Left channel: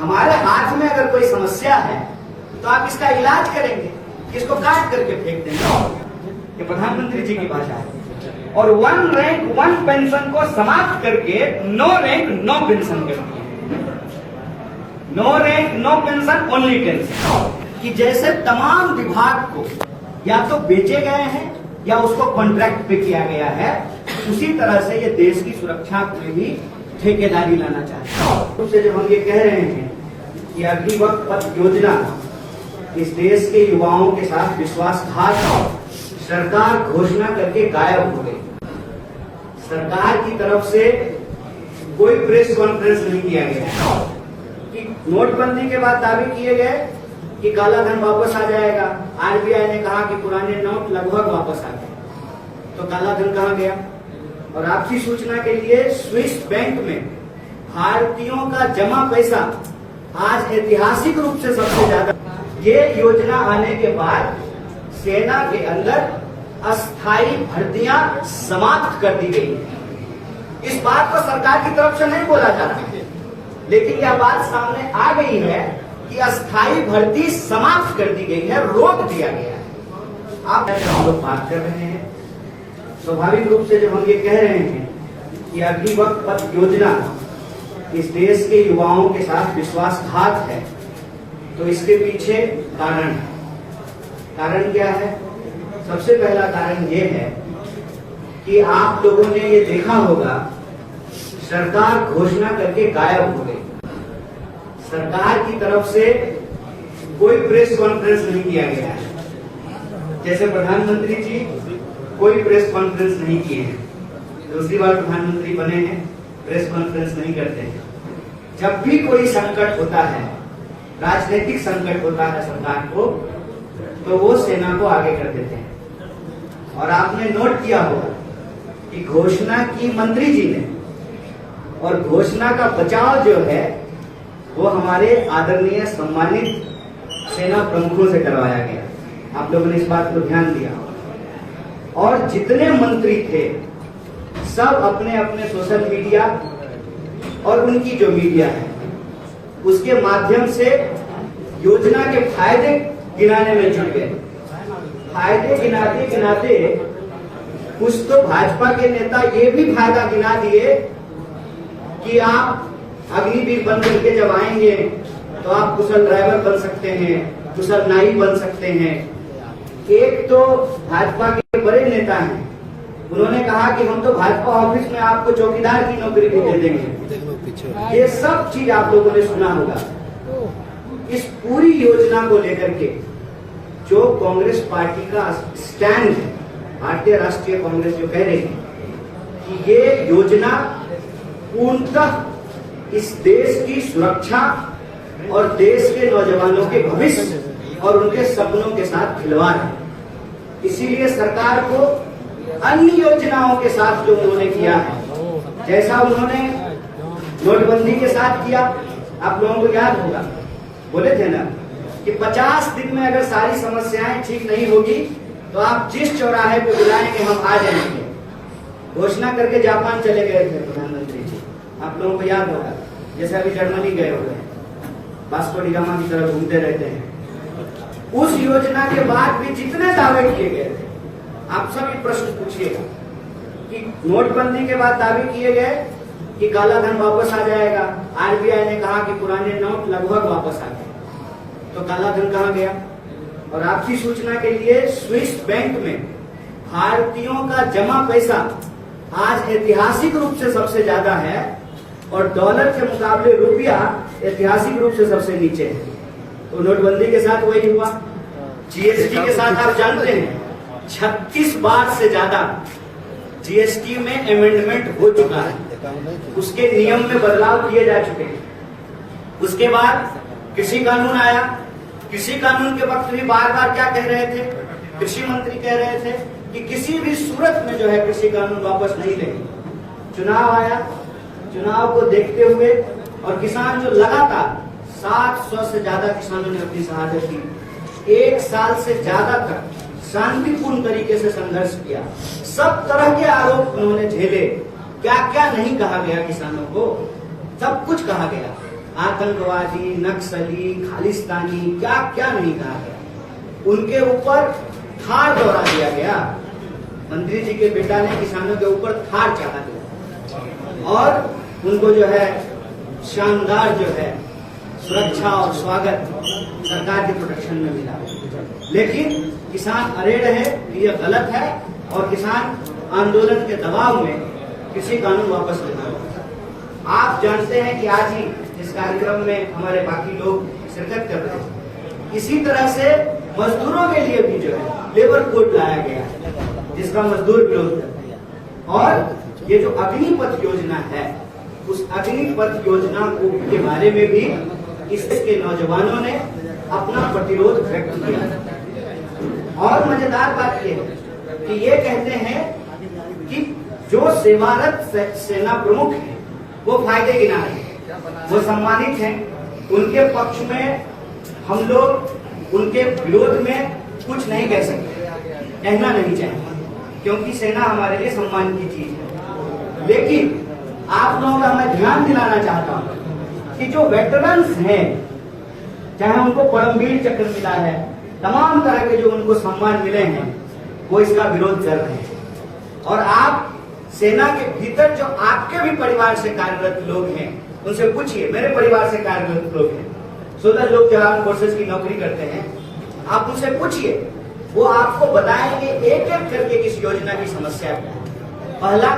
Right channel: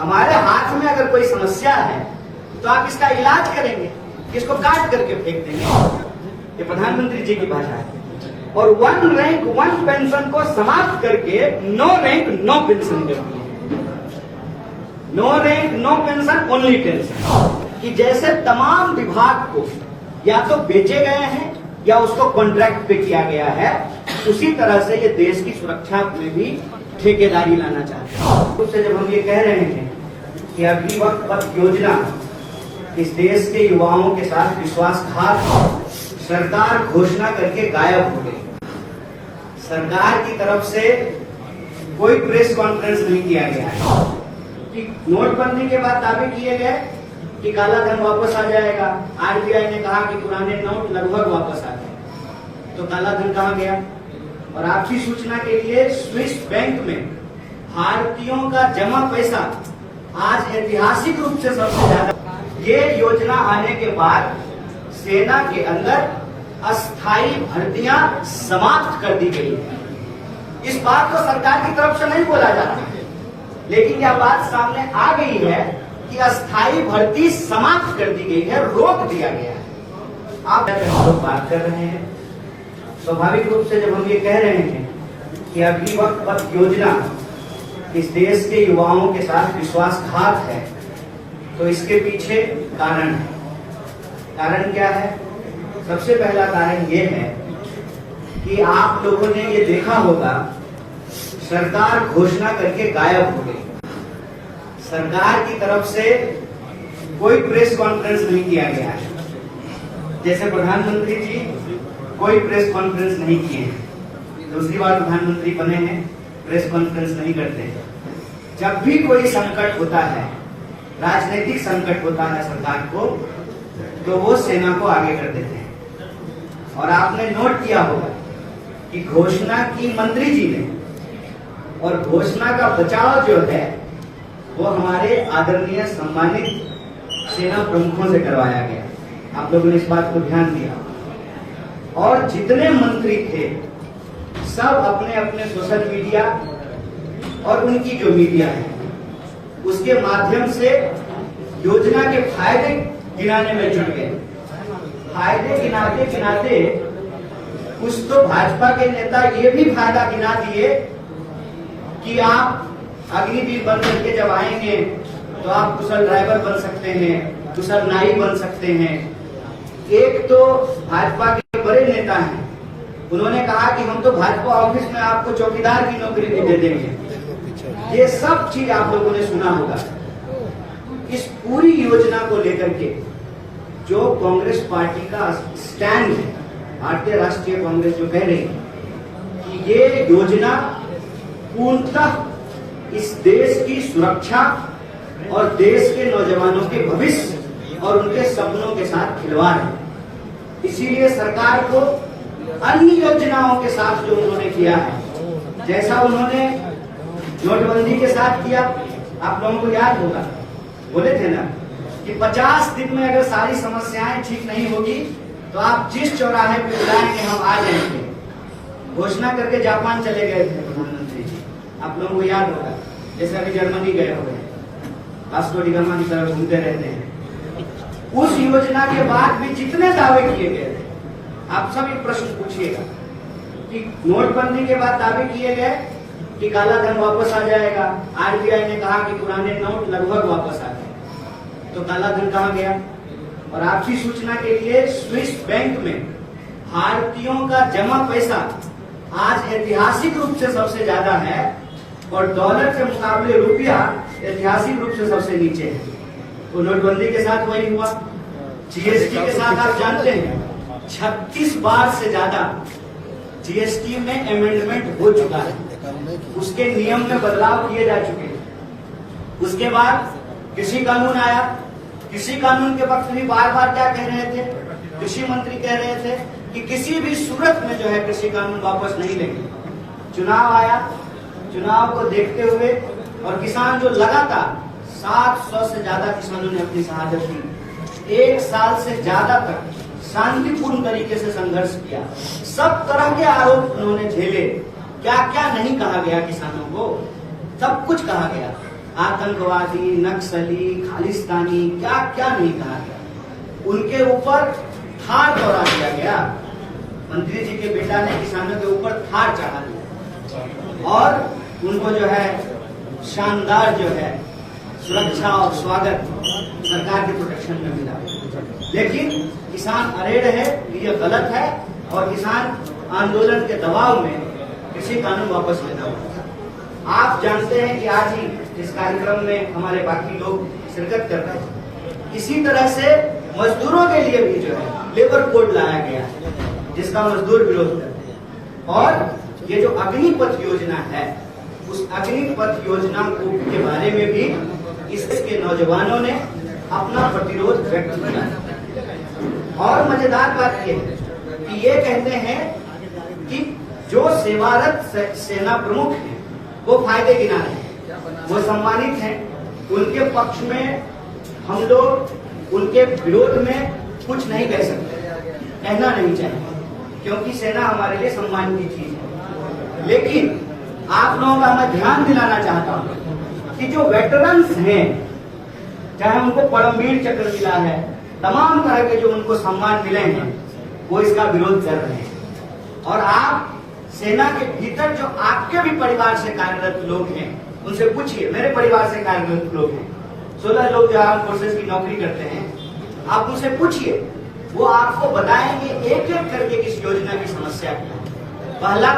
हमारे हाथ में अगर कोई समस्या है तो आप इसका इलाज करेंगे, इसको काट करके फेंक देंगे। ये प्रधानमंत्री जी की भाषा है। और 1 रैंक 1 पेंशन को समाप्त करके 9 रैंक 9 पेंशन कर दिए। 9 रैंक 9 पेंशन ओनली पेंशन, कि जैसे तमाम विभाग को या तो बेचे गए हैं या उसको कॉन्ट्रैक्ट पे किया गया है, उसी तरह से ये देश की सुरक्षा में भी ठेकेदारी लाना चाहते हैं। उससे जब हम ये कह रहे हैं कि अग्निपथ पथ योजना इस देश के युवाओं के साथ विश्वासघात सरकार घोषणा करके गायब हो गई। सरकार की तरफ से कोई प्रेस कॉन्फ्रेंस नहीं किया गया है कि नोटबंदी के बाद दावे किए गए कि काला धन वापस आ जाएगा। आरबीआई ने कहा कि पुराने नोट लगभग वापस आ गए, तो काला धन कहां गया? और आपकी सूचना के लिए स्विस बैंक में भारतीयों का जमा पैसा आज ऐतिहासिक रूप से सबसे ज्यादा। ये योजना आने के बाद सेना के अंदर अस्थायी भर्तियां समाप्त कर दी गई है। इस बात को सरकार की तरफ से नहीं बोला जा रहा है, लेकिन यह बात सामने आ गई है कि अस्थायी भर्ती समाप्त कर दी गई है, रोक दिया गया है। आप हम लोग बात कर रहे हैं, स्वाभाविक रूप से जब हम ये कह रहे हैं कि अग्निपथ पथ योजना इस देश के युवाओं के साथ विश्वासघात है, तो इसके पीछे कारण है। कारण क्या है? सबसे पहला कारण ये है कि आप लोगों ने ये देखा होगा, सरकार घोषणा करके गायब हो गई। सरकार की तरफ से कोई प्रेस कॉन्फ्रेंस नहीं किया गया है। जैसे प्रधानमंत्री जी कोई प्रेस कॉन्फ्रेंस नहीं किए हैं, दूसरी बार प्रधानमंत्री बने हैं, प्रेस कॉन्फ्रेंस नहीं करते हैं। जब भी कोई संकट होता है, राजनीतिक संकट होता है सरकार को, तो वो सेना को आगे कर देते हैं। और आपने नोट किया होगा कि घोषणा की मंत्री जी ने, और घोषणा का बचाव जो है वो हमारे आदरणीय सम्मानित सेना प्रमुखों से करवाया गया। आप लोगों ने इस बात को ध्यान दिया। और जितने मंत्री थे सब अपने अपने सोशल मीडिया और उनकी जो मीडिया है उसके माध्यम से योजना के फायदे गिनाने में जुट गए। फायदे गिनाते गिनाते कुछ तो भाजपा के नेता ये भी फायदा गिना दिए कि आप अग्निवीर बन करके जब आएंगे तो आप कुशल ड्राइवर बन सकते हैं, कुशल नाई बन सकते हैं। एक तो भाजपा के बड़े नेता हैं, उन्होंने कहा कि हम तो भाजपा ऑफिस में आपको चौकीदार की नौकरी भी दे देंगे। ये सब चीज आप लोगों ने सुना होगा। इस पूरी योजना को लेकर के जो कांग्रेस पार्टी का स्टैंड है, भारतीय राष्ट्रीय कांग्रेस जो कह रही है कि ये योजना पूर्णतः इस देश की सुरक्षा और देश के नौजवानों के भविष्य और उनके सपनों के साथ खिलवाड़ है। इसीलिए सरकार को अन्य योजनाओं के साथ जो उन्होंने किया है, जैसा उन्होंने नोटबंदी के साथ किया, आप लोगों को याद होगा, बोले थे ना कि 50 दिन में अगर सारी समस्याएं ठीक नहीं होगी तो आप जिस चौराहे पे बुलाएंगे हम आ जाएंगे। घोषणा करके जापान चले गए थे प्रधानमंत्री जी, आप लोगों को याद होगा। जैसे अभी जर्मनी गए हुए हैं, वास्को डी गामा की तरफ घूमते रहते हैं। उस योजना के बाद भी जितने दावे किए गए थे, आप सब ये प्रश्न पूछिएगा कि नोटबंदी के बाद दावे किए गए कि काला धन वापस आ जाएगा। आरबीआई ने कहा कि पुराने नोट लगभग वापस आ गए, तो काला धन कहां गया? और आपकी सूचना के लिए स्विस बैंक में भारतीयों का जमा पैसा आज ऐतिहासिक रूप से सबसे ज्यादा है और डॉलर के मुकाबले रुपया ऐतिहासिक रूप से सबसे नीचे है। तो नोटबंदी के साथ वही हुआ। जीएसटी के साथ आप जानते हैं 36 बार से ज्यादा जीएसटी में अमेंडमेंट हो चुका है, उसके नियम में बदलाव किए जा चुके हैं। उसके बाद कृषि कानून आया। कृषि कानून के वक्त भी बार बार क्या कह रहे थे? कृषि मंत्री कह रहे थे कि किसी भी सूरत में जो है कृषि कानून वापस नहीं लेंगे। चुनाव आया, चुनाव को देखते हुए और किसान जो लगातार 700 से ज्यादा किसानों ने अपनी शहादत दी। 1 साल से ज्यादा तक शांतिपूर्ण तरीके से संघर्ष किया, सब तरह के आरोप उन्होंने झेले। क्या क्या नहीं कहा गया किसानों को, सब कुछ कहा गया। आतंकवादी, नक्सली, खालिस्तानी, क्या क्या नहीं कहा गया। उनके ऊपर थार दौरा दिया गया। मंत्री जी के बेटा ने किसानों के ऊपर थार चढ़ा दिया और उनको जो है शानदार जो है सुरक्षा और स्वागत सरकार के प्रोटेक्शन में मिला। लेकिन किसान अड़े रहे कि यह गलत है और किसान आंदोलन के दबाव में कृषि कानून वापस लेना होगा। आप जानते हैं कि आज ही इस कार्यक्रम में हमारे बाकी लोग शिरकत कर रहे हैं। इसी तरह से मजदूरों के लिए भी जो है लेबर कोड लाया गया है, जिसका मजदूर विरोध करते हैं। और ये जो अग्निपथ योजना है, उस अग्निपथ योजना के बारे में भी इसके नौजवानों ने अपना प्रतिरोध व्यक्त किया। और मजेदार बात यह है कि ये कहते हैं कि जो सेवारत सेना प्रमुख हैं वो फायदे गिना रहे हैं, वो सम्मानित हैं। उनके पक्ष में हम लोग उनके विरोध में कुछ नहीं कह सकते, कहना नहीं चाहिए, क्योंकि सेना हमारे लिए सम्मान की चीज है। लेकिन आप लोगों का मैं ध्यान दिलाना चाहता हूं कि जो वेटरन्स हैं, चाहे उनको परमवीर चक्र मिला है, तमाम तरह के जो उनको सम्मान मिले हैं, वो इसका विरोध कर रहे हैं। और आप सेना के भीतर जो आपके भी परिवार से कार्यरत लोग हैं, उनसे पूछिए। मेरे परिवार से कार्यरत लोग हैं, 16 लोग जो आर्म फोर्सेस की नौकरी करते हैं, आप उनसे पूछिए, वो आपको बताएंगे एक एक करके इस योजना की समस्या क्या है। पहला,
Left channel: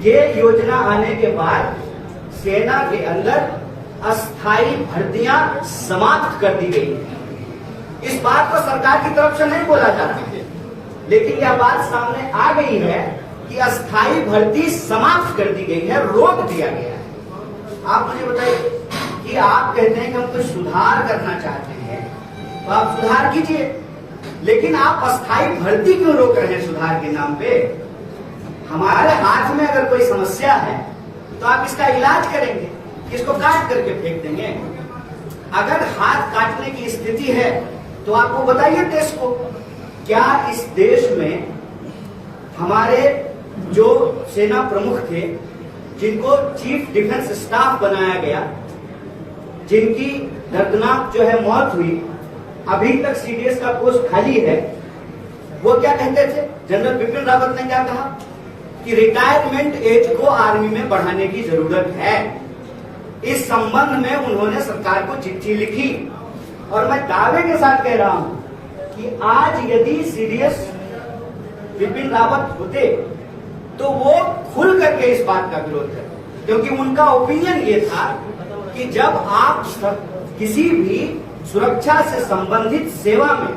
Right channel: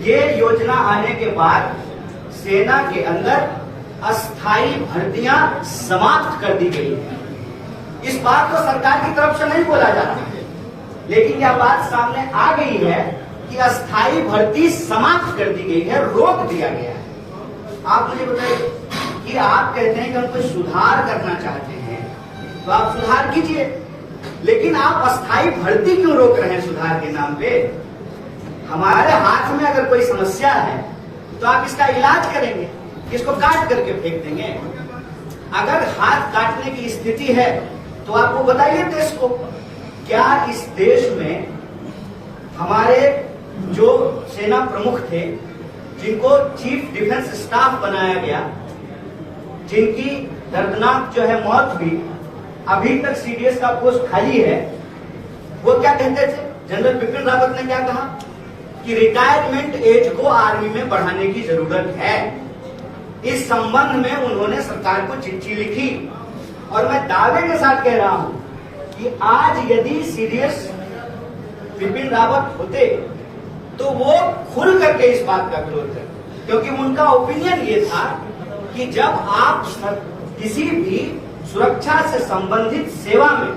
ये योजना आने के बाद सेना के अंदर अस्थायी भर्तियां समाप्त कर दी गई है। इस बात को सरकार की तरफ से नहीं बोला जा रहा है, लेकिन यह बात सामने आ गई है कि अस्थायी भर्ती समाप्त कर दी गई है, रोक दिया गया है। आप मुझे बताइए कि आप कहते हैं कि हम तो सुधार करना चाहते हैं, तो आप सुधार कीजिए, लेकिन आप अस्थायी भर्ती क्यों रोक रहे हैं सुधार के नाम पे? हमारे हाथ में अगर कोई समस्या है तो आप इसका इलाज करेंगे, इसको काट करके फेंक देंगे। अगर हाथ काटने की स्थिति है तो आपको बताइए देश को, क्या इस देश में हमारे जो सेना प्रमुख थे, जिनको चीफ डिफेंस स्टाफ बनाया गया, जिनकी दर्दनाक जो है मौत हुई, अभी तक सीडीएस का पोस्ट खाली है, वो क्या कहते थे? जनरल बिपिन रावत ने क्या कहा कि रिटायरमेंट एज को आर्मी में बढ़ाने की जरूरत है। इस संबंध में उन्होंने सरकार को चिट्ठी लिखी और मैं दावे के साथ कह रहा हूं कि आज यदि सीडीएस बिपिन रावत होते तो वो खुल करके इस बात का विरोध करते, क्योंकि उनका ओपिनियन ये था कि जब आप किसी भी सुरक्षा से संबंधित सेवा में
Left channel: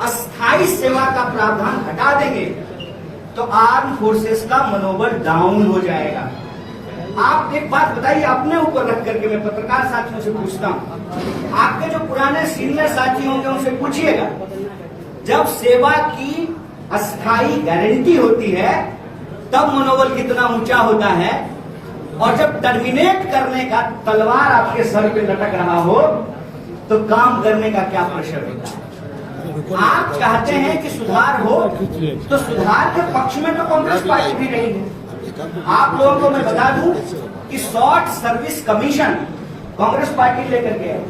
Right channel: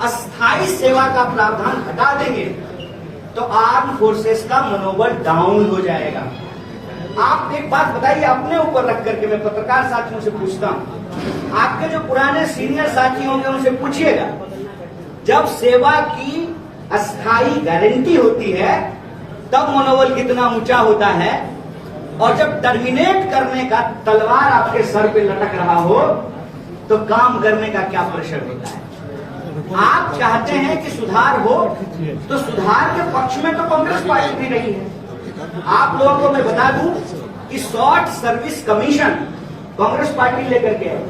अस्थायी सेवा का प्रावधान हटा देंगे तो आर्म फोर्सेस का मनोबल डाउन हो जाएगा। आप एक बात बताइए, अपने ऊपर रख करके मैं पत्रकार साथियों से पूछता हूं, आपके जो पुराने सीनियर साथी होंगे उनसे पूछिएगा, जब सेवा की अस्थायी गारंटी होती है तब मनोबल कितना ऊंचा होता है, और जब टर्मिनेट करने का तलवार आपके सर पे लटक रहा हो तो काम करने का क्या प्रेशर होता है। आप चाहते हैं कि सुधार हो, तो सुधार के पक्ष में तो कांग्रेस पार्टी भी नहीं है। आप लोगों को मैं बता दूं कि short service commission Congress party लेकर के आई,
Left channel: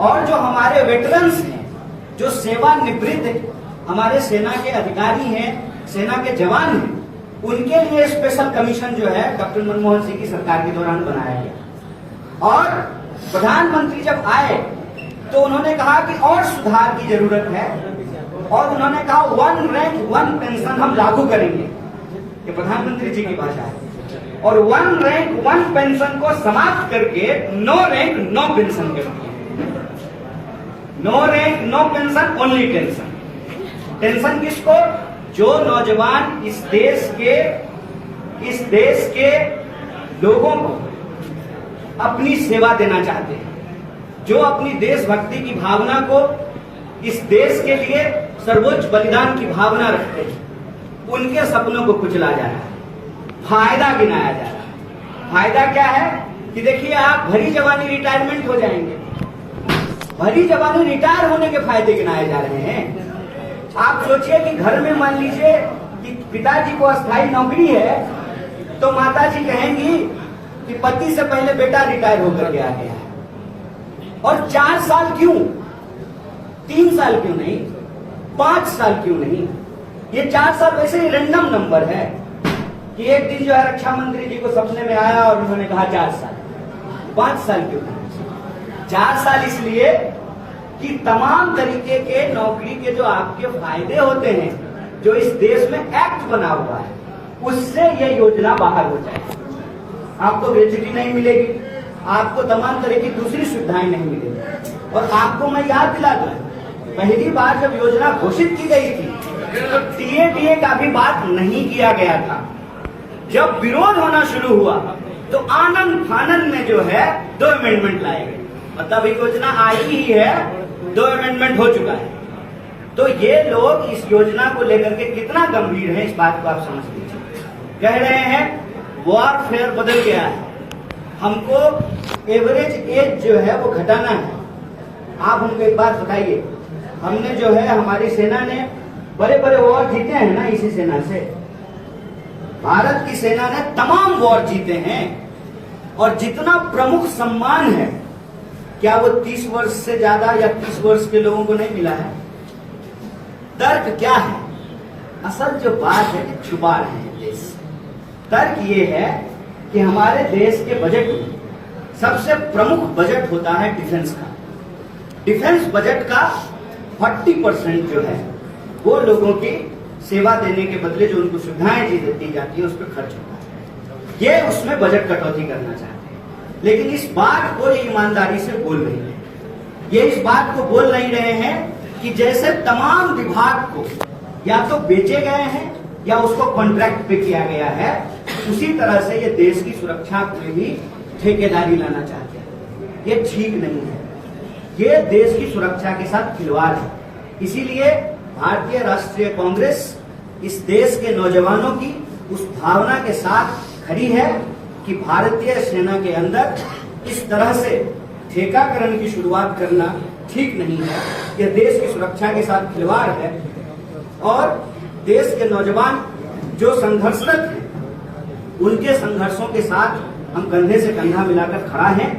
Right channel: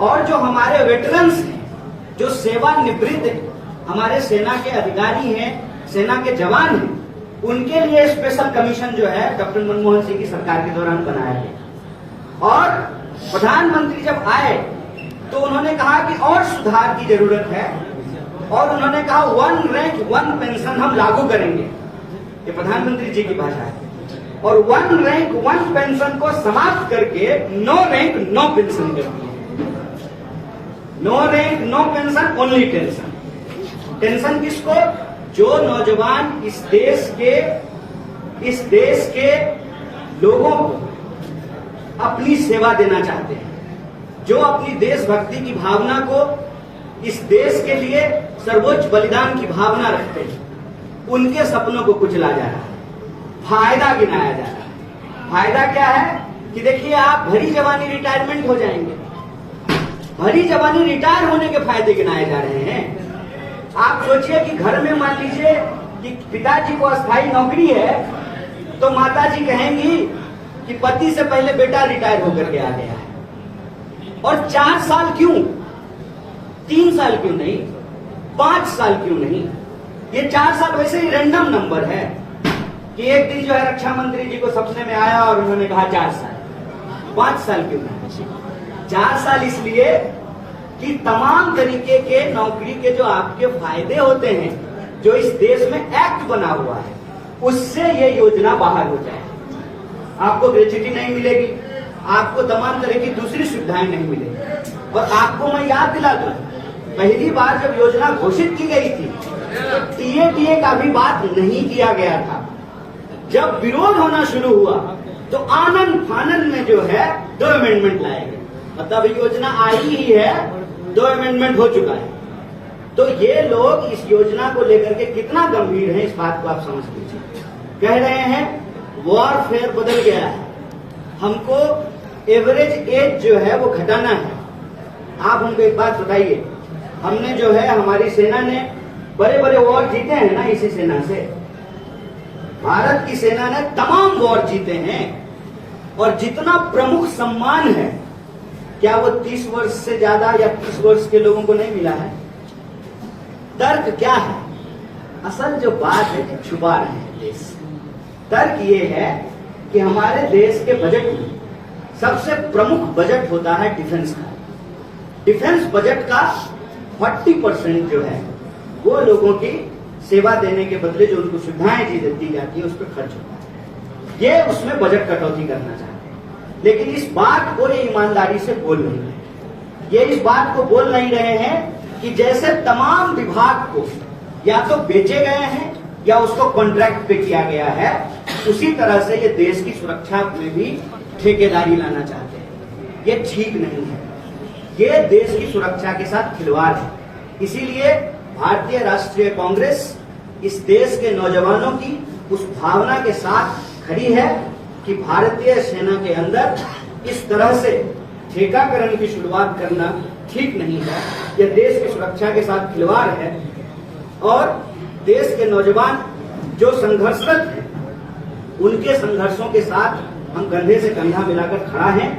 और जो हमारे वेटरन्स हैं, जो सेवानिवृत्त हमारे सेना के अधिकारी हैं, सेना के जवान हैं, उनके लिए स्पेशल कमीशन जो है डॉक्टर मनमोहन सिंह की सरकार के दौरान बनाया गया। और प्रधानमंत्री जब आए तो उन्होंने कहा कि और सुधार की जरूरत है, और उन्होंने कहा 1 रैंक 1 पेंशन हम लागू करेंगे, ये प्रधानमंत्री जी की भाषा है, और 1 रैंक 1 पेंशन को समाप्त करके 9 रैंक 9 पेंशन कर दिए। 9 rank 9 pension, only tension. Tension किसको? जो नौजवान इस देश के लोगों को अपनी सेवा देना चाहते हैं, जो अपनी देशभक्ति की भावना को, इस देश के लिए सर्वोच्च बलिदान की भावना रखते हैं, उनके सपनों को कुचला जा रहा है, फायदा गिनाया जा रहा है। फायदा क्या है कि देखिए, आप भरी जवानी रिटायरमेंट हो जाएंगे, भरी जवानी रिटायर होने के फायदे गिनाए जा रहे हैं। आप सोचिए कि घर में मान लीजिए कि पिताजी को अस्थायी नौकरी है, तो माताजी कहेंगी कि पति से पहले बेटा रिटायर होकर के आ गया है। और 4 साल क्यों, 3 साल क्यों नहीं, 5 साल क्यों नहीं? ये 4 साल वैसे ही रैंडम नंबर है कि एक दिन जो है रक्षा मंत्री जी को सपने में आया और उन्होंने कहा 4 साल। 5 साल क्यों नहीं? 4 साल इसलिए कि तमाम तरीके के नौकरी के जो आपके फायदे होते हैं, जो इस देश में एक्ट बना हुआ है, उससे ये योजना बाहर हो जाए। आपको ग्रेच्युटी नहीं मिलेगी, आपको तमाम तरह की दूसरी सुविधाएं नहीं मिलेगी। और आपको मैं याद दिला दूं, पहली बार जब योजना घोषित की गई थी तो टीए का भी बात नहीं किया गया था। जब विरोध होना शुरू हुआ तो आनंद फानंद में जो है 2 अमेंडमेंट लाए गए। मतलब योजना आई ही है, 2 अमेंडमेंट हो चुका है। तो ये लोग इस योजना को लेकर के कितना गंभीर है, इस बात को आप समझ लीजिए। कह रहे हैं वॉरफेयर बदल गया है, हमको एवरेज एज जो है वो घटाना है। आप हमको एक बात बताइए, हमने जो है हमारी सेना ने बड़े बड़े वॉर जीते हैं ना, इसी सेना से। भारत की सेना ने तमाम वॉर जीते हैं और जितना प्रमुख सम्मान है, क्या वो 30 वर्ष से ज्यादा या 30 वर्ष के लोगों को नहीं मिला है? तर्क क्या है? असल जो बात है कि छुपा रहे हैं देश। तर्क ये है कि हमारे देश के बजट में सबसे प्रमुख बजट होता है डिफेंस का। डिफेंस बजट का 40% जो है वो लोगों की सेवा देने के बदले जो उनको सुविधाएं दी जाती है उस पर खर्च होता है। ये उसमें बजट कटौती करना चाहते हैं, लेकिन इस बात को ये ईमानदारी से बोल नहीं रहे। ये इस बात को बोल नहीं रहे हैं कि जैसे तमाम विभाग को या तो बेचे गए हैं या उसको कॉन्ट्रैक्ट पे किया गया है, उसी तरह से ये देश की सुरक्षा में भी ठेकेदारी लाना चाहते हैं। ये ठीक नहीं है, ये देश की सुरक्षा के साथ खिलवाड़ है। इसीलिए भारतीय राष्ट्रीय कांग्रेस इस देश के नौजवानों की उस भावना के साथ खड़ी है कि भारतीय सेना के अंदर इस तरह से ठेकाकरण की शुरुआत करना ठीक नहीं है। यह देश की सुरक्षा के साथ खिलवाड़ है और देश के नौजवान जो संघर्षरत हैं, उनके संघर्षों के साथ हम कंधे से कंधा मिलाकर खड़ा हैं।